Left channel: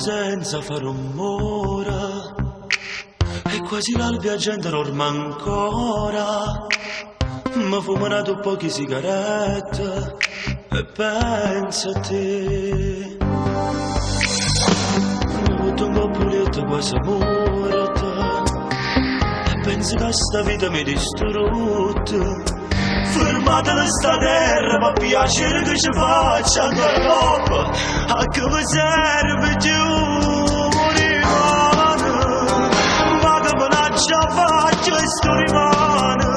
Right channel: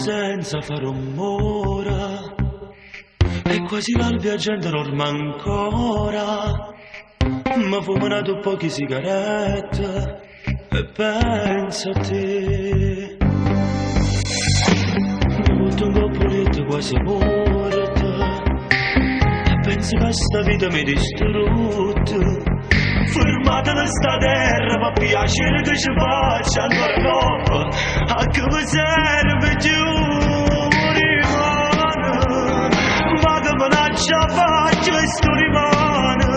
senza fare rumore e quasi l'albia gente dorme ancora. Mi fumano poche sigarette e penso a te. Mi butto un po' pulito quasi morta e penso che sta vita mi distrutta. Fermate la sta terra, ma piacere che ci faccia ancora dopo. A che mi serve più rimane, ma che me l'ha già fatto e sto rimane.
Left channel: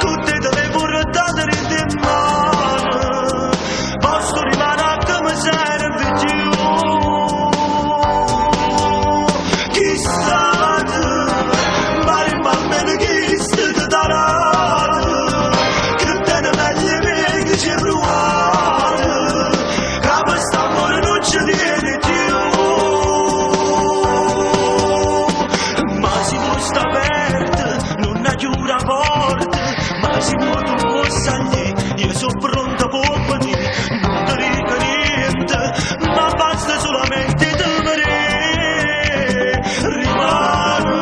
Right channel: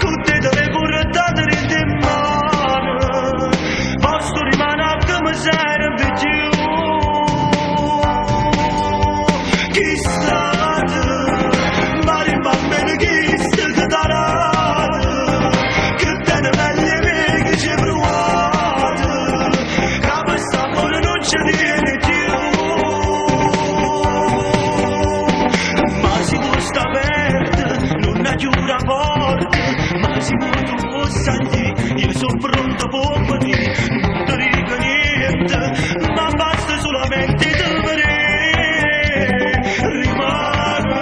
Con te te le portate in mano, ma sto rimane a che mi serve più. Chi state, ma rimane chi state che darà. Io sono pronto per venire, non ti dico niente, ma basta solamente te rimane.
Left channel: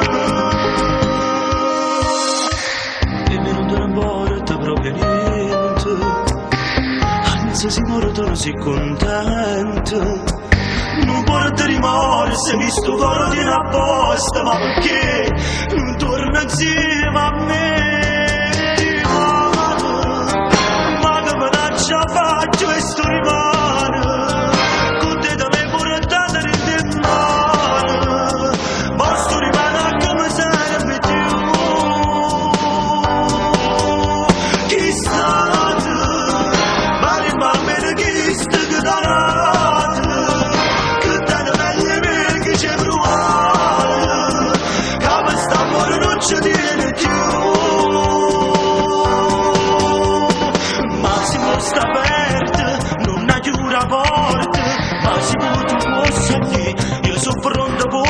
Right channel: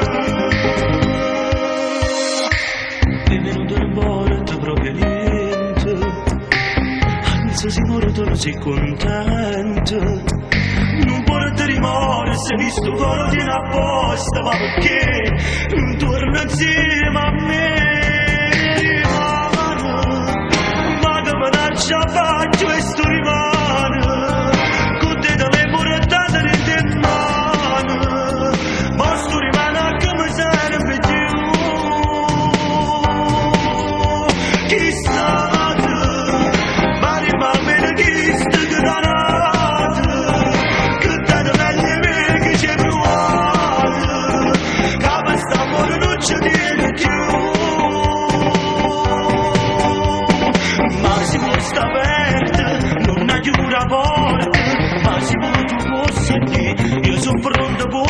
E non importa proprio niente, anzi si morto non si contento. Non porta rimorso, visto coro tiene apposta, ma perché non torna insieme a me? Già faccio e sto rimane, con te te le portate in mano, ma sto rimane a che mi serve più. Chi state, ma rimane chi sta che danate, che te meglio me che c'è provate, che mi sta amore non ci tiene più. Sta aperta, non ha chiuso la porta, ma se tu puoi sentire, io sono pronto per